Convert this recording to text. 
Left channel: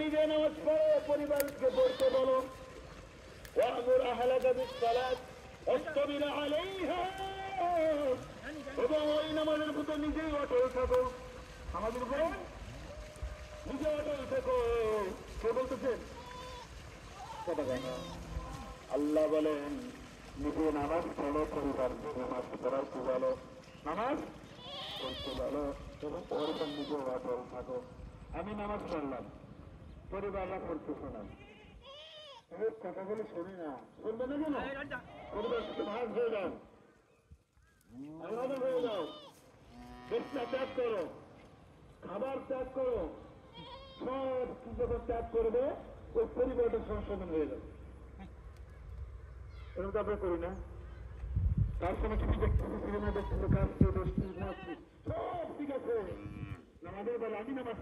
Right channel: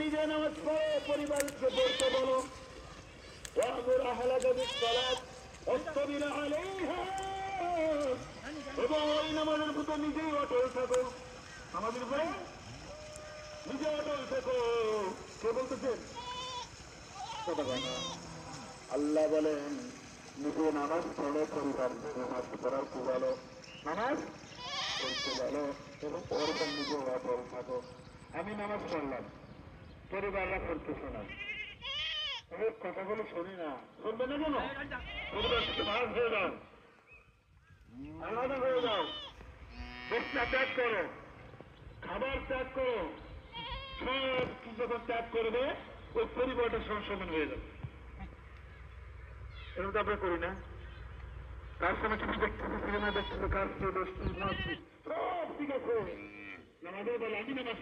নিজে নামাজ পড়ো, পরিবারকে পড়তে বলো। ওয়ামুর আহলাকা বিসসালাত ওয়াসতাবির আলাইহা, এবং ওই নামাজের প্রতি নিজেই অটল থাকো। আমাদের উপরে নিজে অটল থাকো। কে বলতেছেন? আল্লাহ বলেন নিজে নামাজ পড়ো, পরিবার নামাজ পড়ার কি বলো, নামাজ পড়তে বলো, এবং ওরকম নিজে অটল থাকো। আমি নামাজ পড়লাম, পরিবাররা পড়তেছে না, এর কথাগুলো শুনি না, শুনবে না কেন? পরিবার থেকে ভাগ হয়ে যাও, আলাদা হয়ে যাও, চেষ্টা ত্যাগ করো, খাবার ত্যাগ করো, সব কিছু যখন ত্যাগ করবে ওই পরিবারটা সংশোধন হয়ে যাবে। এরকম তো আমরা করি না। কার সময় কিছু দেখতেছে, সিনেমা দেখতেছে, কাজ দোষ সব ঠিক আছে, নামাজের বেলা আমি নামাজ